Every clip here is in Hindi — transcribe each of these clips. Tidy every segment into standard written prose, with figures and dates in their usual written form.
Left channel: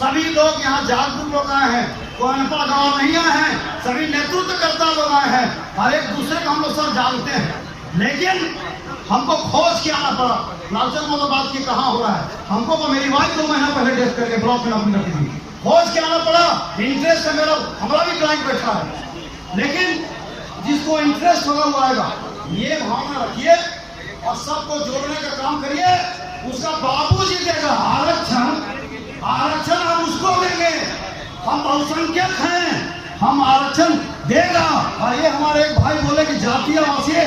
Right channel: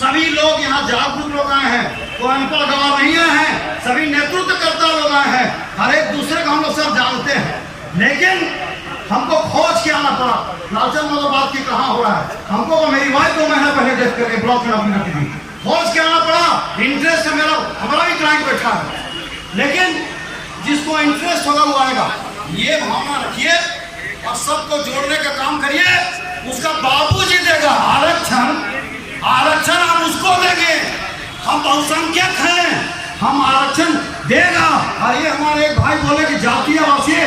सभी लोग यहाँ जागरूक लोग आए हैं, कोई अनपढ़ गवाह नहीं आए हैं, सभी नेतृत्वकर्ता लोग आए हैं, हर एक दूसरे को हम लोग सब जानते हैं। लेकिन हमको खोज के आना पड़ा, लालचंद मौलाबाद की कहाँ हो रहा है, हमको तो मेरी वाइफ 2 महीना पहले डेथ करके ब्लॉक में नौकरी करती थी, खोज के आना पड़ा। इंटरेस्ट है मेरा, हमारा भी क्लाइंट बैठा है, लेकिन जिसको इंटरेस्ट होगा वो आएगा। ये भावना रखिए और सबको जोड़ने का काम करिए। उसका बाबूजी देगा आरक्षण हम उसको देंगे, हम बहुसंख्यक हैं, हम आरक्षण देगा। और ये हमारे एक भाई बोले कि जातीय आवासीय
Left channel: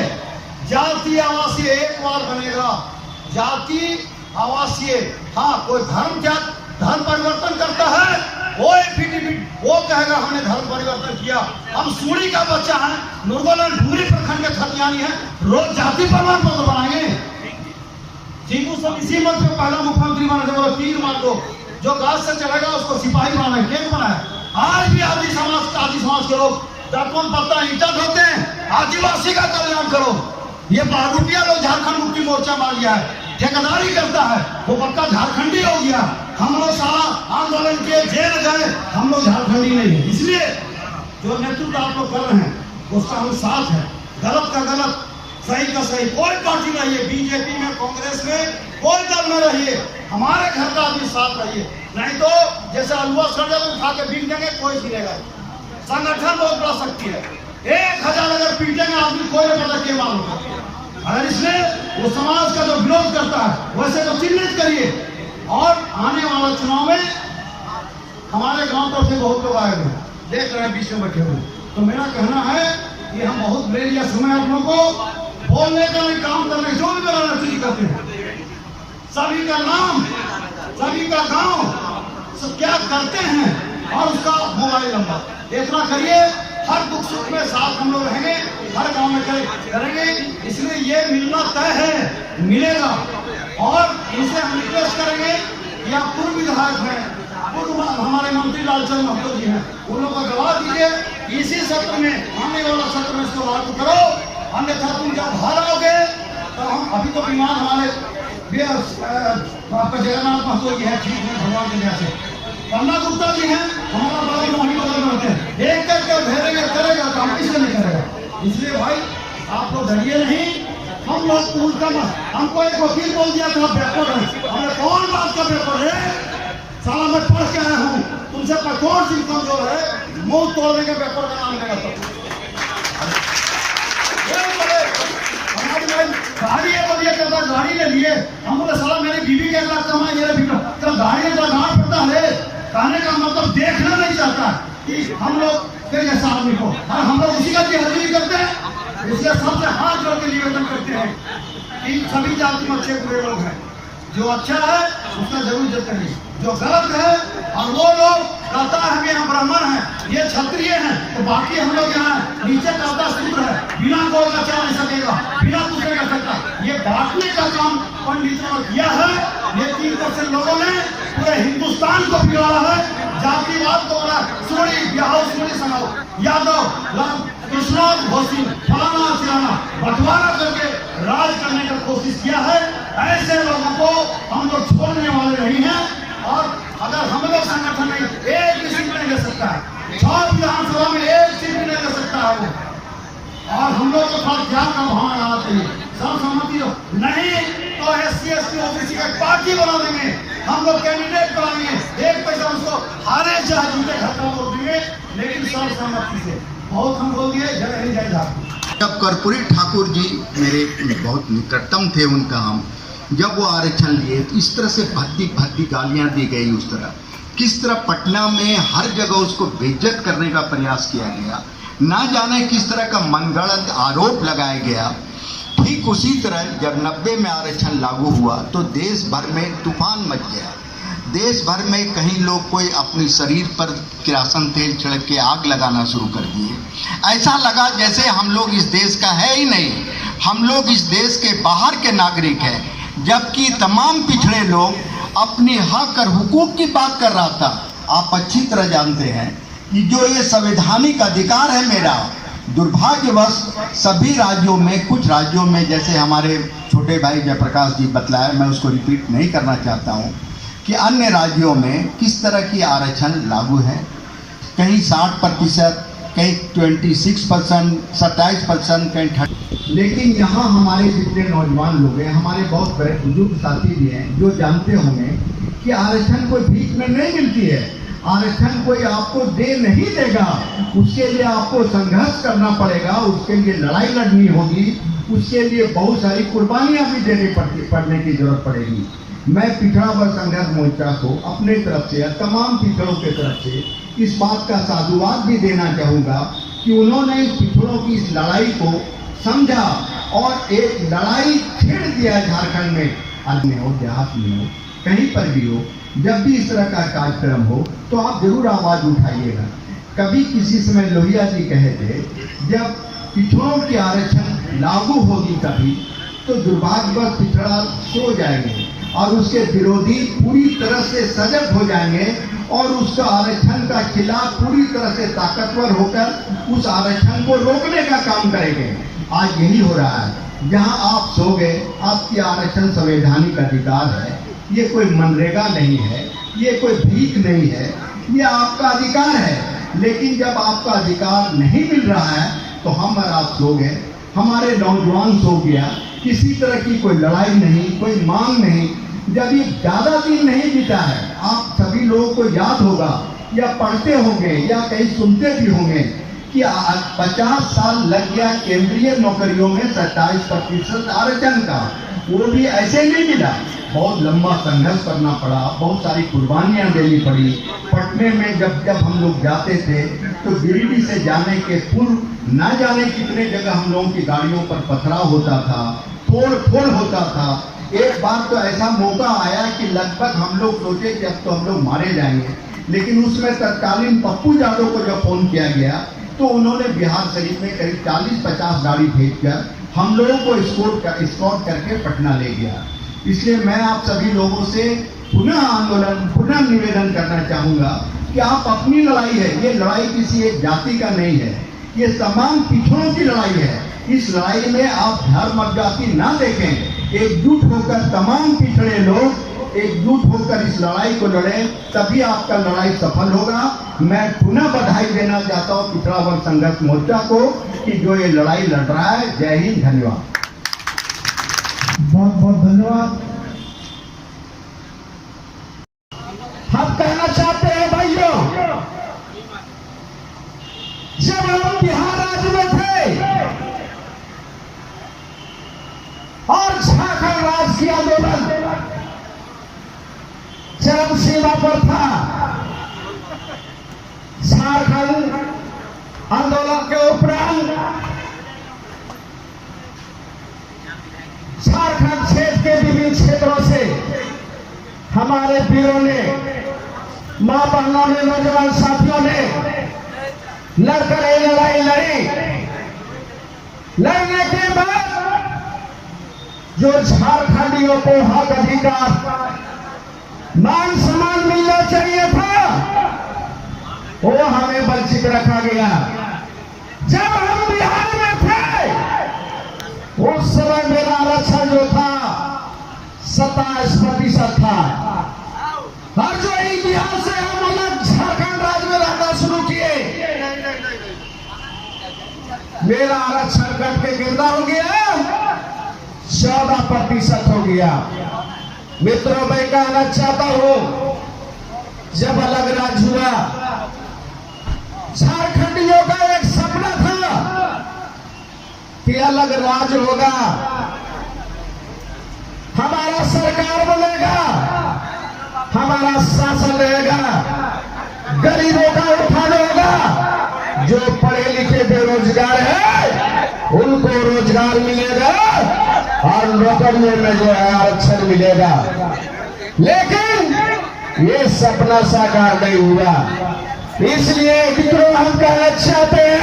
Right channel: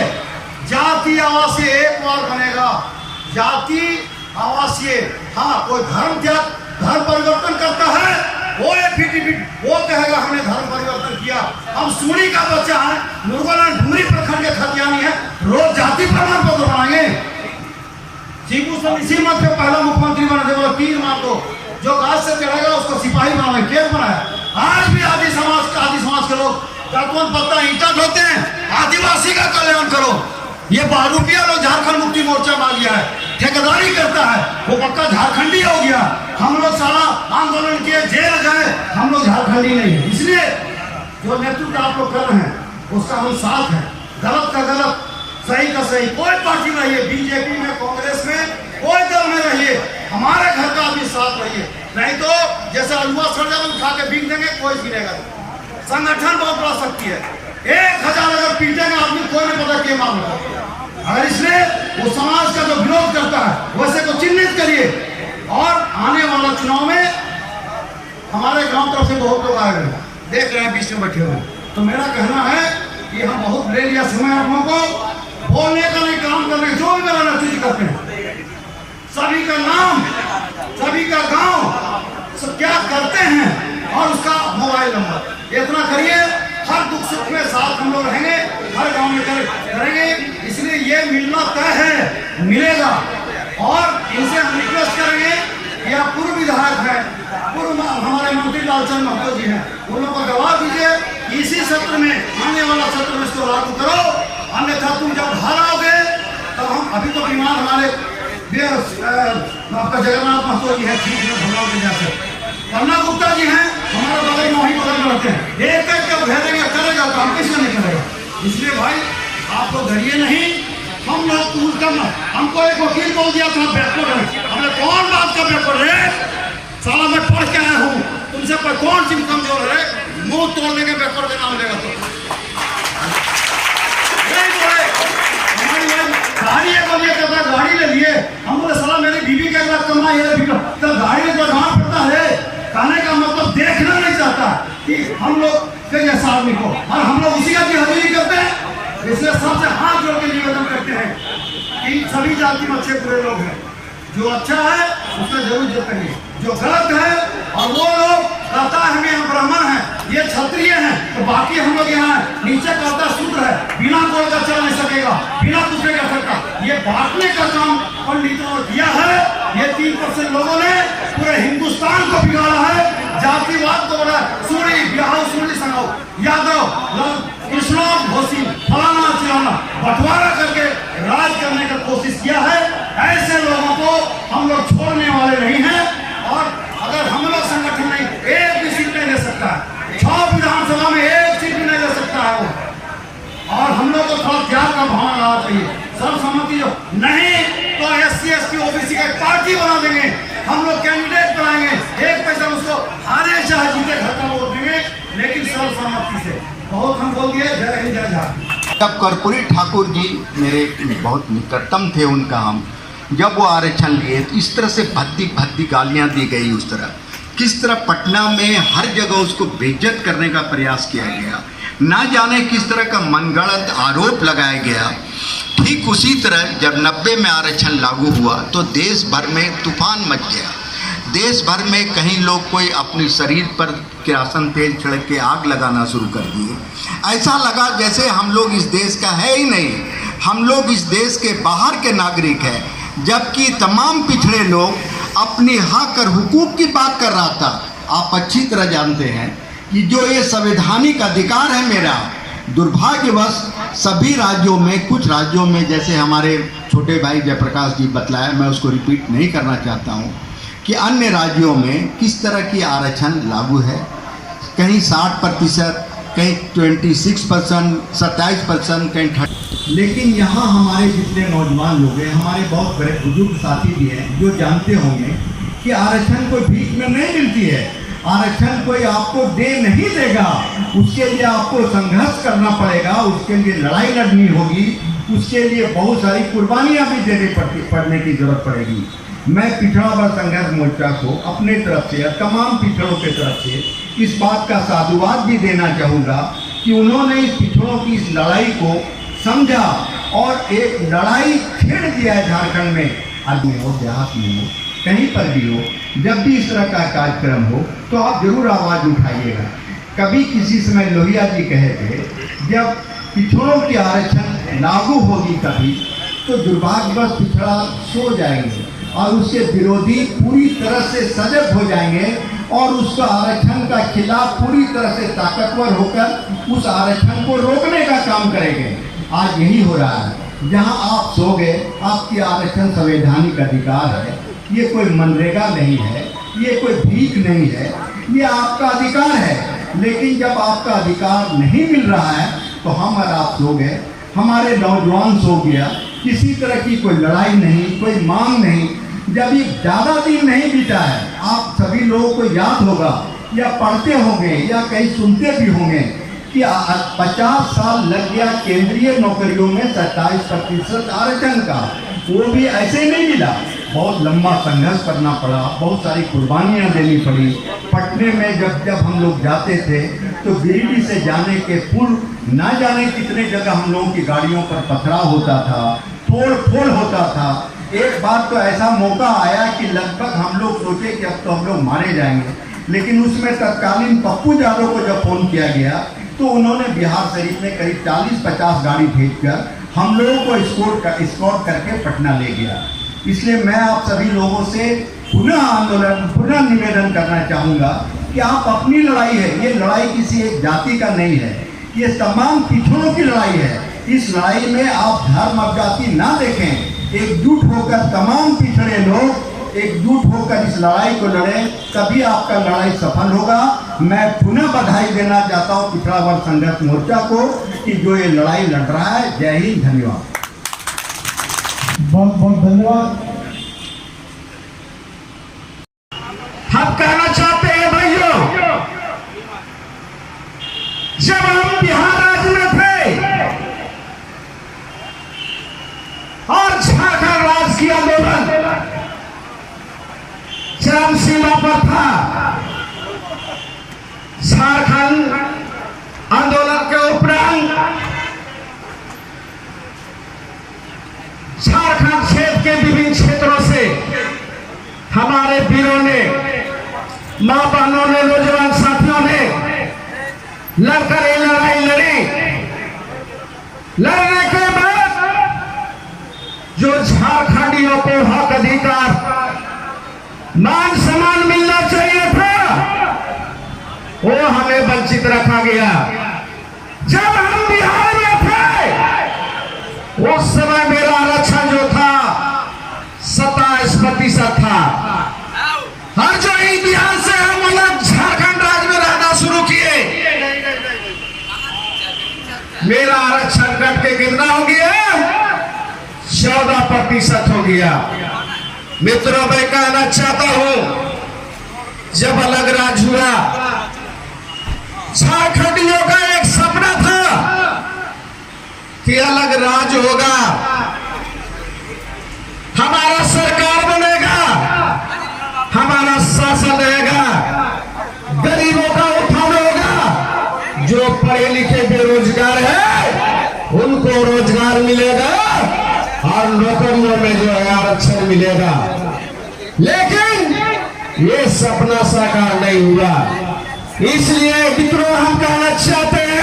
एक बार बनेगा, जाति आवासीय। हाँ, कोई धर्म परिवर्तन करता है, वो एफिडेविट वो कहेगा हमने धर्म परिवर्तन किया। हम सूरी का बच्चा है, मुर्गोलन ढूंढी प्रखंड के खतियानी है, रोज जाति प्रमाण पत्र बनाएंगे। जीबू सब इसी मत पे पहला मुख्यमंत्री बना दे, 3 मार दो, जो गाज से चढ़ेगा उसको सिपाही बनाए, केस बनाया। आज भी आदि समाज के लोग तत्वन पत्ता ईंटा ढोते हैं, आदिवासी का कल्याण करो। ये बहरूपिया लोग झारखंड मुक्ति मोर्चा मांग लिया है, ठेकेदारी करता है, वो पक्का झारखंडी हो गया। हम लोग सारा आंदोलन किए, जेल गए, हम लोग झारखंडी नहीं है। इसलिए जो नेतृत्व आप लोग कर रहे हैं उसका हम साथ हैं, गलत का गलत, सही का सही। कोई पार्टी रहिए, बीजेपी में, कांग्रेस में, कोई दल में रहिए, हमारे घर का भी साथ रहिए। नहीं तो जैसे अलुआ सड़जा उठा के बिक देंगे, कोई गिरेगा। संगठन बहुत बड़ा शक्ति है, 1000 अगर पीटेंगे आदमी, कोई नहीं पता क्या मालूम है। अगर इसलिए वो समाज का जो विरोध करता है वैसे को चिन्हित करिए। और आने वाला चुनाव में हमारे गांव तरफ से बहुत लोग आए हुए देख रहे हैं, बीच में बैठे हुए। तो मेरा कहना है कि हम बहुत ले लिया समय आप लोगों को, बोलने का नहीं, काम करने का। जो भी मेरा नतीजा करते हैं, सभी का नाम, सभी का गांव, सब क्या करते हैं और उसका मोबाइल नंबर, इतना करिए। हर दुख सुख में साथ हम लोग रहेंगे, हर गांव में करेंगे। इसलिए ये मिलना तय है, मिलेगा। और इनसे हम रिक्वेस्ट करेंगे कि आप पूर्व विधायक हैं, पूर्व हमारे मंत्री लालचंद महतो जी हैं, उन लोगों को गवाह दीजिए। इसी सत्र में, आने वाला सत्र में इसको लागू करो, अन्यथा तुम जब हारोगे तो हम, अभी तो बीमार हमारे आपका जगन्नाथ महतो जी है, ठीक है, भगवान के यहाँ से पन्ना गुप्ता जी हैं, हमारा बगल में वहीं बगल रहते हैं, एक करके भेजेंगे, करेगा तो हम किसने नहीं करेगा। इसलिए भाई आप लोग डरिए नहीं, हम लोग पूल करना। हमको एक वकील बोल दिया था पेपर है, हमने कौन बात का पेपर है, साला मैं पढ़ के आया हूँ, तुमसे पर कौन सी कमजोर है, मुंह तोड़ने के पेपर का नाम लेगा। तो गाड़ी बोलिए करता, गाड़ी ले लिए, हम बोले साला मेरी बीवी का 1 लाख कमाई है, तो गाड़ी तो गाँव पड़ता है। कहने का मतलब देखना नहीं चाहता कि हम लोग के जैसा आदमी को, और हम लोग उसी का हाजिरी करते हैं। इसलिए सबसे हाथ जोड़ के निवेदन करते हैं कि सभी जाति में अच्छे बुरे लोग हैं, जो अच्छा है उसका जरूर इज्जत करिए, जो गलत है और वो लोग कहता है कि हम ब्राह्मण हैं, ये क्षत्रिय हैं, तो बाकी हम लोग यहाँ नीचे कहता शूद्र है, बिना गोल का चल नहीं सकेगा, बिना कुछ नहीं कर सकता। ये बांटने का काम पंडितों ने किया है। ये 3% लोगों ने पूरे हिंदुस्तान को बिगाड़ा है, जातिवाद को बोला, सूरी बिहार, सूरी सगाओ, यादव, इस्लाम, घोसी, फलाना चिलाना, बंटवारा करके राज करने का कोशिश किया है। ऐसे लोगों को हम लोग छोड़ने वाले नहीं हैं। और अगर हम लोग संगठन नहीं, एक भी सीट नहीं ले सकता है, 6 विधानसभा में 1 सीट भी नहीं ले सकता है वो। और हम लोग को थोड़ा त्याग का भावना आना चाहिए, सर्वसम्मति नहीं तो SC/ST OBC का पार्टी बना देंगे, हम लोग कैंडिडेट बनाएंगे, 1 पैसा उसको हारे चाहे जीते घर का वोट देंगे, लेकिन सर्वसम्मति से। बहुत हम बोल दिए। जय हिंद, जय झारखंड। तब कर्पूरी ठाकुर जी मेरे बहुत निकटतम थे, उनका हम जब वो आरक्षण लिए तो इस तरह से भद्दी गालियां दी गई, उस तरह किस तरह पटना में हर जगह उसको बेइज्जत करने का प्रयास किया गया, ना जाने किस तरह का मनगढ़ंत आरोप लगाया गया। ठीक उसी तरह जब 90 में आरक्षण लागू हुआ तो देश भर में तूफान मच गया। देश भर में कहीं लोग कोई अपनी शरीर पर किरासन तेल छिड़क के आग लगाना शुरू कर दिए। ऐसा लगा जैसे हम लोग इस देश का है ही नहीं, हम लोग इस देश के बाहर के नागरिक हैं। जबकि तमाम पिछड़े लोग अपनी हक और हुकूक की बात कर रहा था। आप अच्छी तरह जानते हैं कि जो ये संवैधानिक अधिकार है मेरा, दुर्भाग्यवश सभी राज्यों में, कुछ राज्यों में, जैसे हमारे छोटे भाई जयप्रकाश जी बतलाया, मैं उसको रिपीट नहीं करना चाहता हूँ, कि अन्य राज्यों में किस तरह की आरक्षण लागू है। कहीं 60%, कहीं 26%, 27%, कहीं 30%। लेकिन यहाँ हमारे जितने नौजवान लोग हैं, हमारे बहुत बड़े बुजुर्ग साथी भी हैं जो जानते होंगे कि आरक्षण कोई भीख में नहीं मिलती है। आरक्षण कोई आपको दे नहीं देगा, उसके लिए आपको संघर्ष करना पड़ेगा, उसके लिए लड़ाई लड़नी होगी, उसके लिए बहुत सारी कुर्बानियाँ भी देनी पड़ने की जरूरत पड़ेगी। मैं पिछड़ा वर्ग संघर्ष मोर्चा को अपने तरफ से या तमाम पिछड़ों के तरफ से इस बात का साधुवाद भी देना चाहूँगा कि उन्होंने इस पिछड़ों की इस लड़ाई को समझा और एक लड़ाई छेड़ दिया है झारखंड में। आदमी हो, देहात में हो, कहीं पर भी हो, जब भी इस तरह का कार्यक्रम हो तो आप जरूर आवाज़ उठाइएगा। कभी किसी समय लोहिया जी कहे थे, जब पिछड़ों की आरक्षण लागू होगी कभी तो दुर्भाग्यवश पिछड़ा सो जाएंगे और उसके विरोधी पूरी तरह से सजग हो जाएंगे और उसका आरक्षण का खिलाफ पूरी तरह से ताकतवर होकर उस आरक्षण को रोकने का काम करेंगे। आज यही हो रहा है, जहां आप सो गए, आपकी आरक्षण संवैधानिक अधिकार है, ये कोई मनरेगा नहीं है, ये कोई भीख नहीं है, ये आपका अधिकार है। लेकिन जब आपका अधिकार नहीं मिल रहा है तो हम और आप सो गए, हमारे नौजवान सो गया, किसी तरह की कोई लड़ाई नहीं, कोई मांग नहीं। जब ये ज़्यादा दिन नहीं बीता है, आप सभी लोगों को याद होगा या पढ़ते होंगे या कहीं सुनते भी होंगे कि 50 साल लग गया केंद्रीय नौकरियों में 27% आरक्षण का। वो भी ऐसे नहीं मिला, बहुत लंबा संघर्ष करना पड़ा, बहुत सारी कुर्बानियाँ देनी पड़ी। पटने में जब हम लोग जाते थे तो गिरिडीह से जाने के पूर्व ना जाने कितने जगह हम लोगों की गाड़ियों पर पथराव होता था, तोड़ फोड़ होता था। एक बार तो ऐसा मौका आया कि लगभग हम लोग सोचे कि अब तो हम लोग मारे जाएंगे, लेकिन उसमें तत्कालीन पप्पू यादव को जब फोन किया गया तो उन्होंने बिहार शरीफ में करीब 40-50 गाड़ी भेजकर हम लोगों को स्कॉट करके पटना ले गया। इसलिए मैं आप सभी लोगों से पुनः निवेदन करना चाहूँगा कि आप अपनी लड़ाई है, ये लड़ाई किसी एक जाति का नहीं है, ये तमाम पिछड़ों की लड़ाई है। इस लड़ाई में आप धर्म और जाति ना देखें, एकजुट होकर तमाम पिछड़े लोग एकजुट होकर इस लड़ाई को लड़ें, तभी आपका लड़ाई सफल होगा। मैं पुनः बधाई देना चाहता हूँ पिछड़ा वर्ग संघर्ष मोर्चा को कि जो ये लड़ाई लड़ रहा है। जय हिंद, धन्यवाद। बहुत बहुत धन्यवाद। हम कहना चाहते हैं भाइयों, जब हम बिहार राज्य में थे और झारखंड राज्य की आंदोलन चरम सीमा पर था, झारखंड आंदोलन के उपरांत झारखंड क्षेत्र के विभिन्न क्षेत्रों से हमारे वीरों ने, मां बहनों ने, नौजवान साथियों ने लड़कर ये लड़ाई लड़ी। लड़ने के बाद जो झारखंडियों को हक अधिकार, मान सम्मान मिलना चाहिए था, वो हमें वंचित रखा गया। जब हम बिहार में थे उस समय मेरा आरक्षण जो था 27% था। हर जो इतिहास से हम अलग झारखंड राज्य में रहना शुरू किए, मेरा आरक्षण कट के कितना हो गया? 14% हो गया। मित्रों, मैं कहना चाहता हूं, जब अलग राज्य हुआ, झारखंडियों का एक सपना था कि अलग राज्य होगा, हमारा सरकार बनेगा, हमारा शासन रहेगा, गरीबों का उत्थान होगा, जो पढ़े लिखे बेरोजगार है उनको रोजगार मिलेगा और नौकरियों में जो है आरक्षण मिलेगा। लेकिन ये सपना साकार नहीं हुआ। इसलिए मित्रों, हम कहना चाहते हैं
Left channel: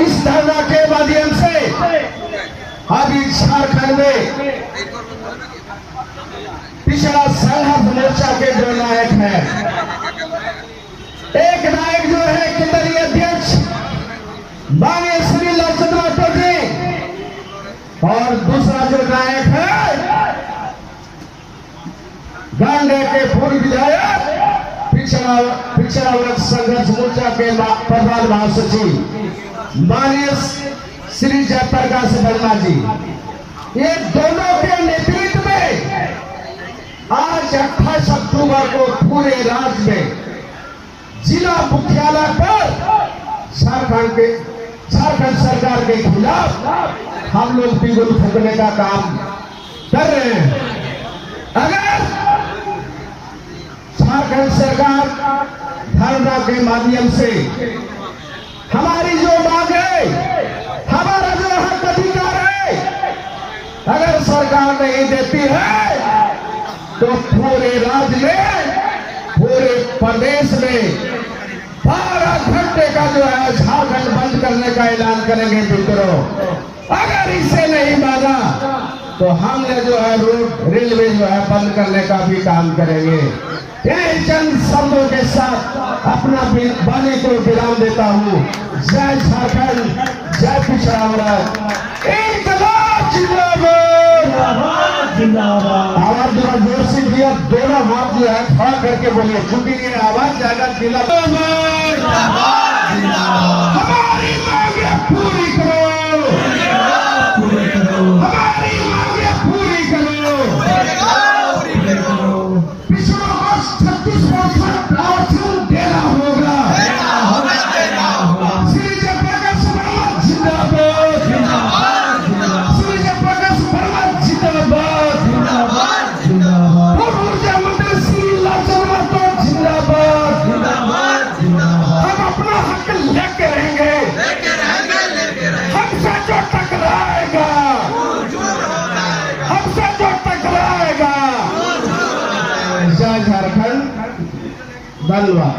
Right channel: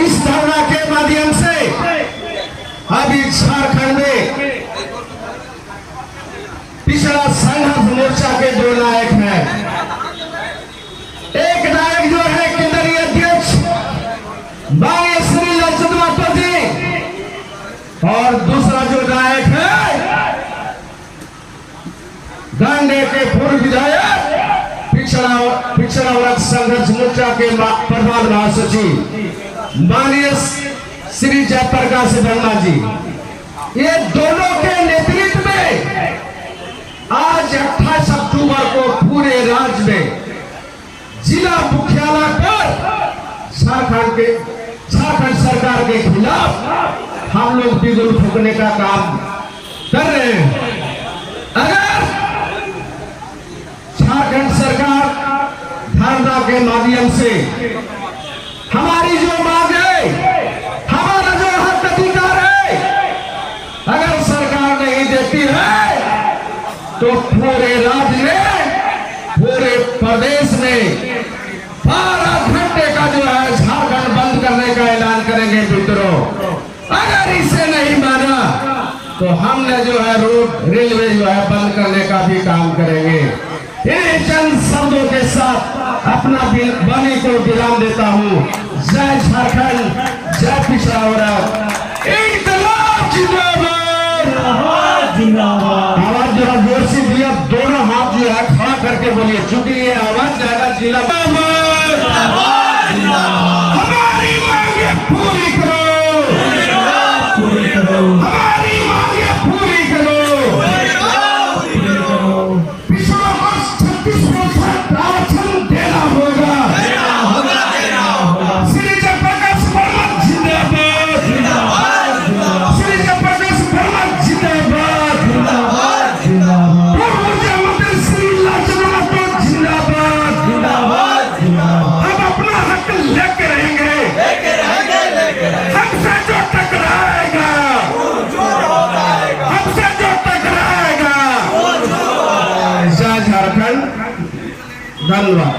इस धरना के माध्यम से अभी झारखंड में पिछड़ा संघर्ष मोर्चा के जो नायक हैं, एक नायक जो है केंद्रीय अध्यक्ष माननीय श्री लालचंद्र माता जी, और दूसरा जो नायक है पूर्व विधायक पिछड़ा वर्ग संघर्ष मोर्चा के प्रधान महासचिव माननीय श्री जयप्रकाश वर्मा जी, ये दोनों के नेतृत्व में आज 28 अक्टूबर को पूरे राज्य में जिला मुख्यालय पर झारखंड सरकार के खिलाफ हम लोग बिगुल फूकने का काम कर रहे हैं। अगर झारखंड सरकार धरना के माध्यम से हमारी जो मांग है, हमारा जो हक अधिकार है, अगर सरकार नहीं देती है तो पूरे राज्य में, पूरे प्रदेश में 12 घंटे का जो है झारखंड बंद करने का ऐलान करेंगे मित्रों। अगर इसे नहीं माना तो हमने जो है रोड रेलवे जो है बंद करने का भी काम करेंगे। इन चंद शब्दों के साथ अपना वाणी को विराम देता हूँ। जय झारखंड, जय पिछड़ा वर्ग, इनकलाब जिंदाबाद। आवाज जरा जोर से दिया, दोनों हाथ जो है खड़ा करके बोलिए, क्योंकि ये आवाज जाएगा जिला। हमारी मांगे पूरी करो, हमारी मांगे पूरी करो। पिछड़ा वर्ष 36% आरक्षण देना होगा। श्री जयप्रकाश वर्मा जिंदाबाद, श्री जयप्रकाश वर्मा जिंदाबाद, पूर्व ऊर्जा मंत्री श्री लालचंद्र जिंदाबाद। हम अपना हक लेके रहेंगे, हमसे जो टकराएगा, हमसे जो टकराएगा। जय झारखंड, धन्यवाद।